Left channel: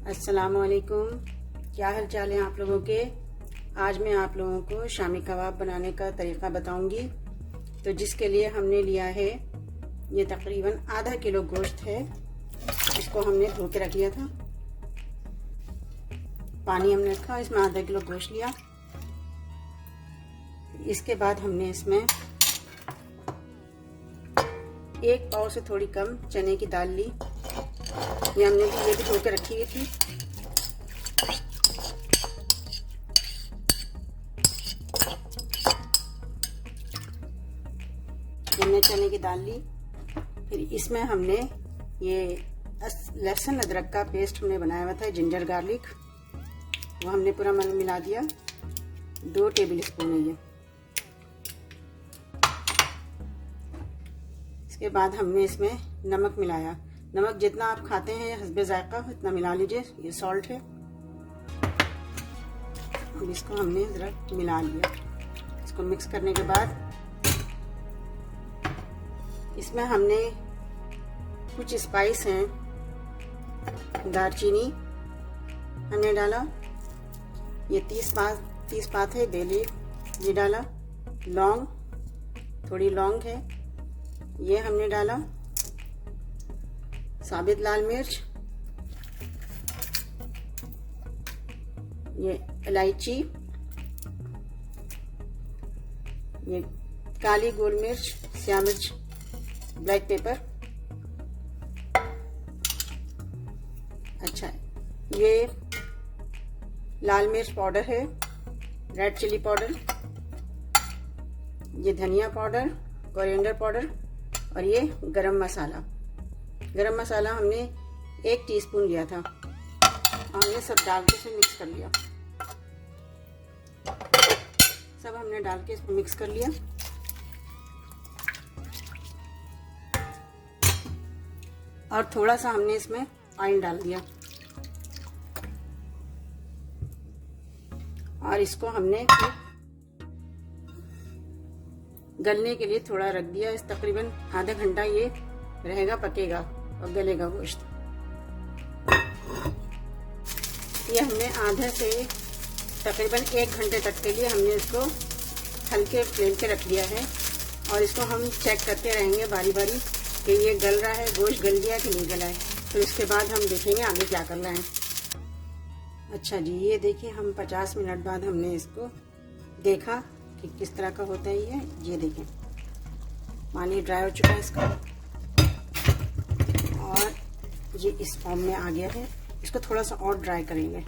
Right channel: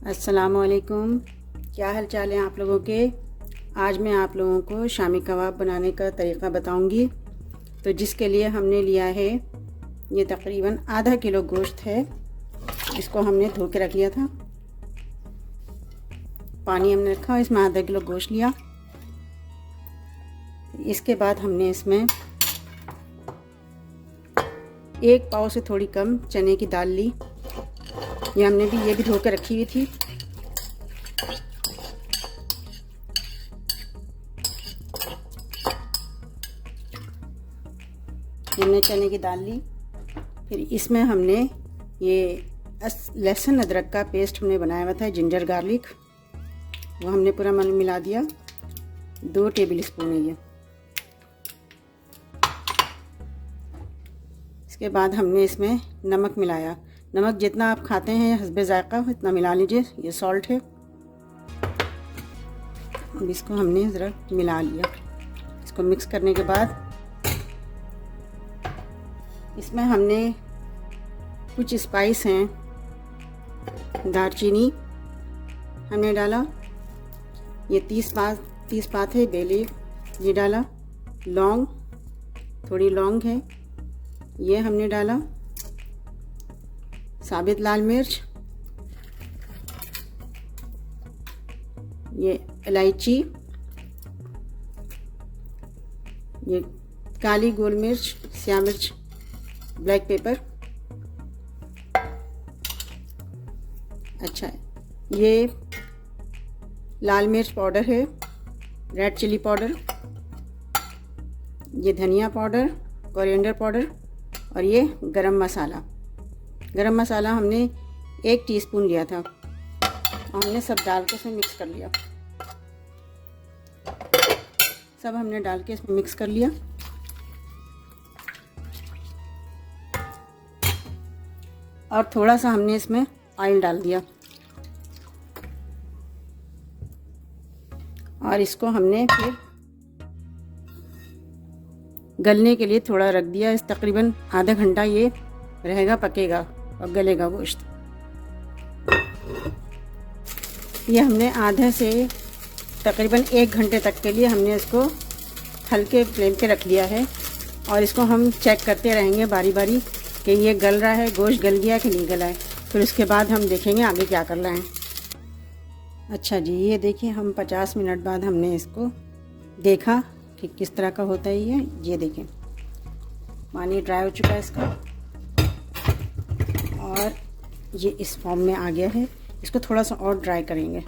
अस्सलामुअलैकुम। क्या हाल चाल है आप लोगों के। आज मैं आप लोगों को शामी कबाब बनाने का तरीक़ा बताऊंगी। तो जिसके लिए हमने लिया है ये तकरीबन आधा किलो गोश्त है। इसको हमने धो के रख लिया था, पानी हमने रखा, इसमें आधा किलो गोश्त लिया। इसके बाद हमने इसमें एक पाव से थोड़ी कम चने की दाल ली। ये भी धो के रखी हुई थी। हमने चने की दाल ली। फिर इसमें हमने ये लहसुन अदरक का पेस्ट हमने बनाया हुआ था, जिंजर गार्लिक, वो हमने पूरा मिला दिया। 2 टेबल स्पून है ये। इसके बाद हमने इसमें नमक मिलाया। नमक जितना आप खाते हैं हस्बे जायका इतना मिला लीजिए। ये सॉल्ट है। अब इसको हमने ज़रा मिला लिया। इसको मिक्स करने के बाद इसमें हमने कुछ स्पाइस हैं, दालचीनी हमने डाला, ये 30 पात है, बे लीफ ये डाला, लौंग, थोड़ी लौंग है ये हमने डाला, साबित लाल मिर्च, ये इलायची, ये काली गोल मिर्च, स्याह मिर्च, ब्लैक पेपर, अच्छा ये लाल मिर्च पाउडर है, रेड चिली पाउडर, ये धनिया पाउडर, कोरिएंडर पाउडर, और ये गरम मसाला। गरम मसाला हमने 1 टीस्पून लिया था और हमने सब डाल के इसमें मिक्स कर लिया। सब हमने डाल के इसमें मिक्स कर लिया। और थोड़ा सा हमने इसमें ऑयल डाल दिया और इसको हमने फिर गलने के लिए थोड़ा रख दिया। इस तकरीबन आधा घंटा ये रहेगा, पकेगा और गलेगा गोश्त। ये हमने आधे से तकरीबन 1 घंटे तक के लिए हमने इसको हल्के फ्लेम पे रख लिया है। और इसको हम चेक करते रहेंगे बारी बारी कि ये गल रहा है, गोश्त गल गया कि नहीं गला है। फिर उसके बाद हम देखेंगे आगे क्या करना है। अच्छा जी, ये देखिए हम 50 मिनट बाद हमने इसको देखा कि किस तरह का होता है ये देखिए पानी ड्राई हो चुका है इसका और ये इस फॉर्म में आ गया है। इसको थोड़ा सा और ड्राई करेंगे।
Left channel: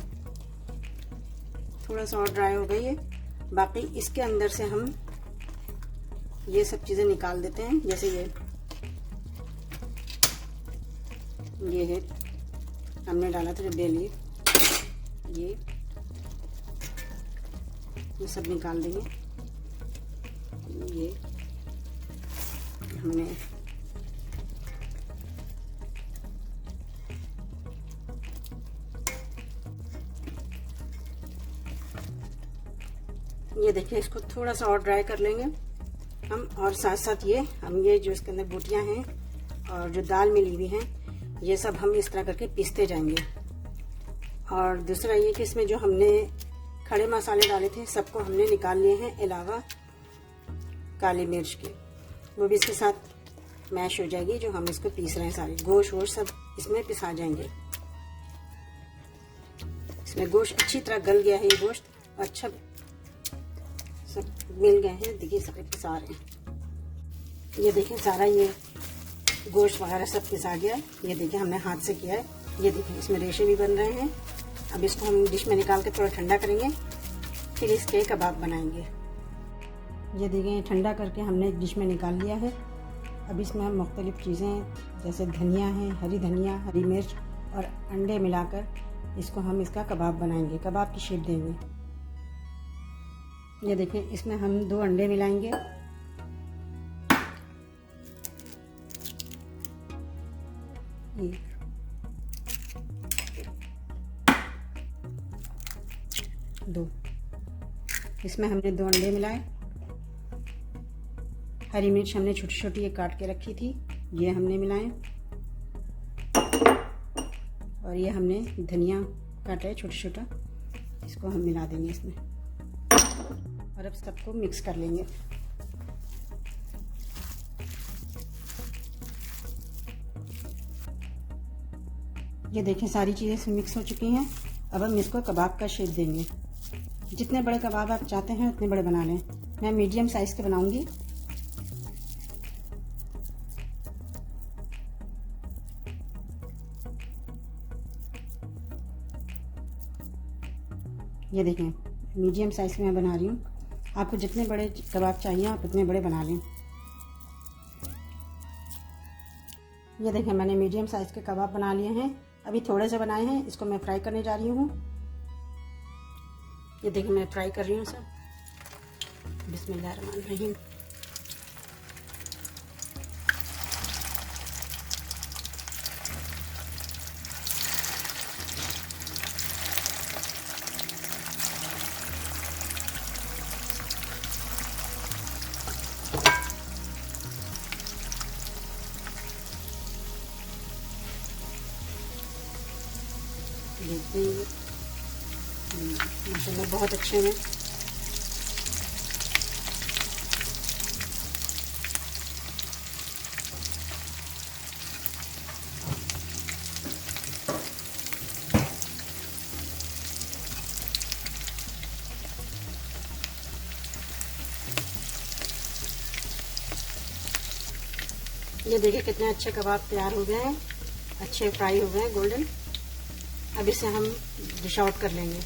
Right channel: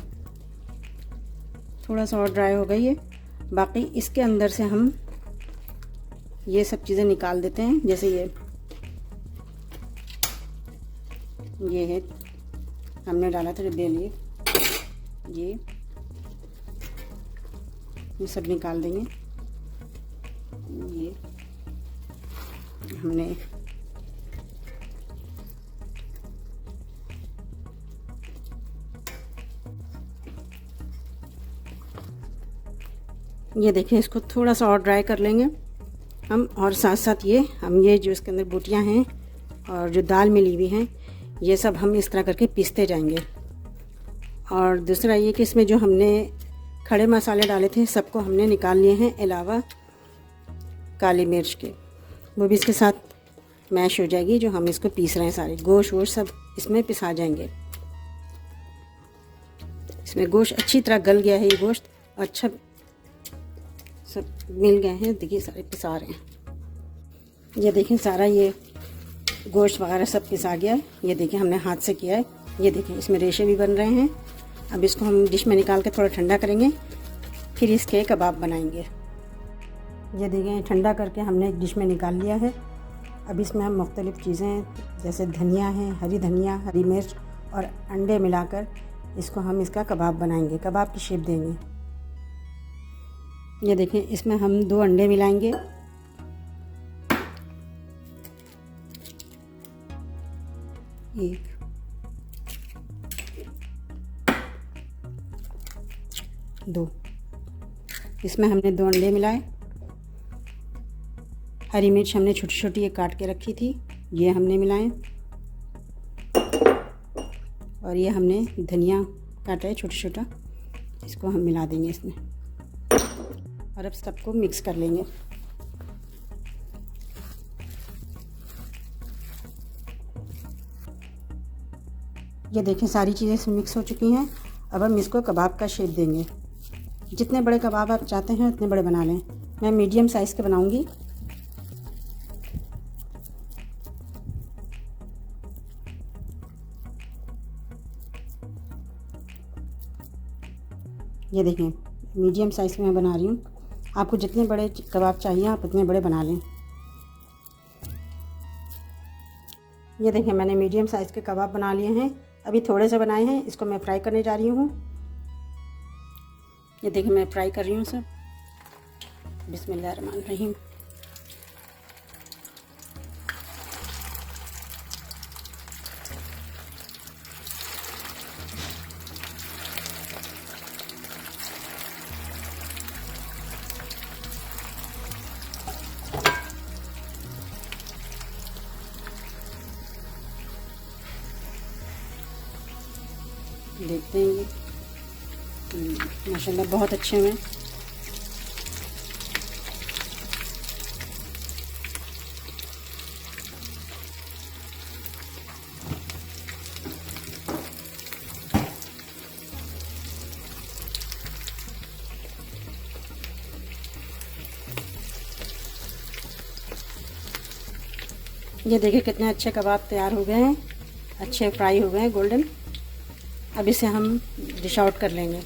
थोड़ा सा और ड्राई हो गई है। बाकी इसके अंदर से हम ये सब चीज़ें निकाल देते हैं। जैसे ये है हमने डाला था जो बे लीफ, ये सब निकाल देंगे। ये हमने ये देखिए, इसको थोड़ा सा और ड्राई कर लेंगे हम। और साथ साथ ये जो इसके अंदर बूटियां हैं और जो दाल मिली हुई हैं, ये सब हम इस तरह करके पीसते जाएंगे। और दूसरा ये कि इसमें जो हमने खड़े मसाले डाले थे सबको हमने निकाल लिए हैं, अलावा काली मिर्च के, वो भी इसके साथ मैश हो जाएगी। जो हम इसको पीस रहे हैं सारे गोश्त वोश सब इसमें पिसा जाएंगे। इसमें गोश्त अच्छी तरह गल गया है। ये गोश्त अच्छा सब मिल गए हैं। देखिए सारे पिसा रहे हैं। ये देखें सारा ये गोश्त वगैरह सब पिसा गया है। ये देखिए हमने हाथ से किया है। ये देखिए इसमें रेशे भी बन रहे हैं। अब इसको हम डिश में निकाल के थोड़ा ठंडा करेंगे, फिर इसके कबाब बनाएंगे। ये देखिए ठंडा करके हमने एक डिश में निकाल लिया है। अब इसमें हम मुख्तलिफ़ चीज़ें जैसे धनिया है, हरी धनिया, हरी मिर्च और अंडे मिलाकर इसको हम इसका कबाब बनाएंगे, कबाब की शेप देंगे। ये देखिए इसमें हम 2 अंडे मिलाएंगे। एक, 2, इसमें हमने 2 अंडे मिलाए। हरी मिर्च हमने छोटी छोटी ये काट के रखी थी, ये हमने मिलाए। और ये हमने धनिया काटा है छोटा छोटा, इसको हम मिला देंगे इसमें और अब सबको मिक्स कर लेंगे। ये देखें सारी चीज़ें इसमें मिक्स हो चुकी हैं। अब हम इसको कबाब का शेप देंगे। जितने बड़े कबाब आप चाहते हैं उतने बड़े बना लें। मैं मीडियम साइज़ के बनाऊंगी। ये देखें मीडियम साइज़ में मैं बना रही हूँ। आपको जितने बड़े कबाब चाहिए आप उतने बड़े बना लें। ये देखें मैंने मीडियम साइज़ के कबाब बना लिए हैं। अभी थोड़े से बनाए हैं, इसको मैं फ्राई करने जा रही हूँ। ये देखिए मैं फ्राई कर रही हूँ सब। बिस्मिल्लाहिर्रहमानिर्रहीम। देखते हैं माशाल्लाह बहुत अच्छे हैं। ये देखिए कितने अच्छे कबाब तैयार हो गए हैं, अच्छे फ्राई हो गए हैं गोल्डन। अब इसे हम डिश आउट कर लेंगे।